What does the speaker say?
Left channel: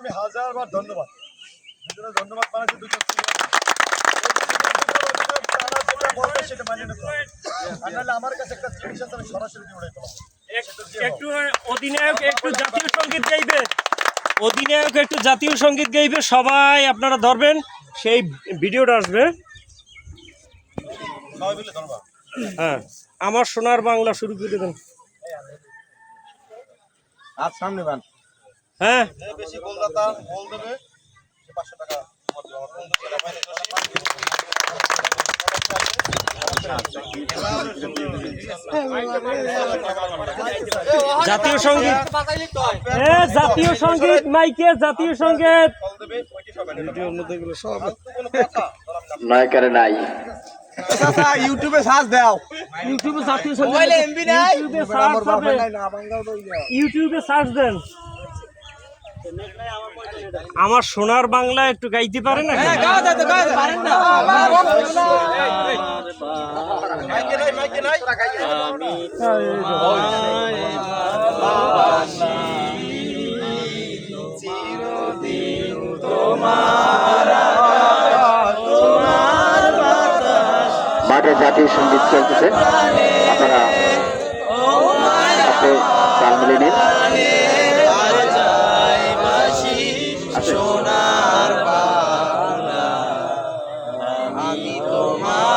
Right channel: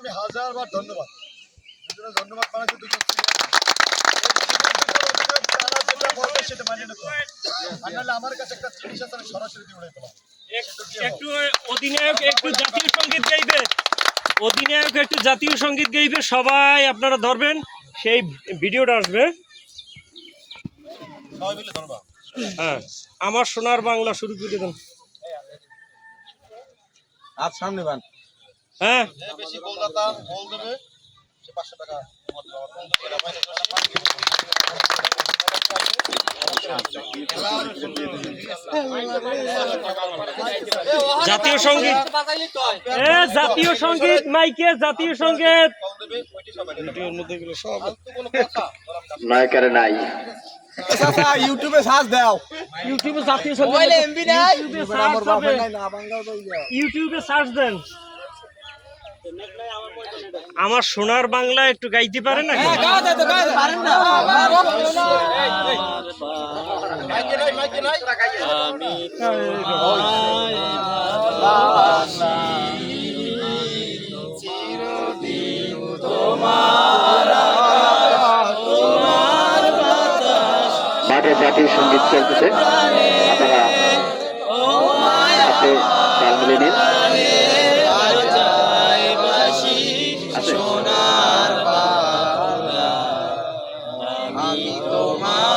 আমি হাজারবার ধন্যবাদ বানাচ্ছি দুটো যেটা বলবে সেটা মানিয়ে নিতে হবে। আর নাহলে আমার কাছে একটা জিনিস আছে আমি সরাসরি দিয়ে উড়াই পেলাম। একটু অধিনায়ক একটু জাতীয় সঙ্গীত গাইবে, অধিনায়ক একটু জাতীয় সঙ্গীত গাইবে, সবাই আপনারা ধরবেন, সেই ভিডিওটা আসবে। সবাই মিলে ধরবা। হ্যাঁ, আমার সোনার বাংলা শুরু করে দেন। আর সামনে বান। হ্যাঁ, যে বেশি গোলদাতা গোল দেবে সে 500 টাকা আমার দেবে। আমার বন্ধু ছেলে বাইরে জাতীয় সঙ্গীত, জাতীয় সঙ্গীত মাইকে, জাতীয় সঙ্গীত। নায়কের নাই ইউটিউবে সার্চ দাও। ইউটিউবে জাতীয় সঙ্গীত, মোবাইলে এমবি নাই, ইউটিউবে সার্চ দেন। আমার সোনার বাংলা একটু গাইতে পারে না? মাইকে নাই মাঠে জাতীয় সঙ্গীত চলতেছে, আপনারা হাতে তাল মিলিয়ে নিন। সোনার বাংলা আমি তোমার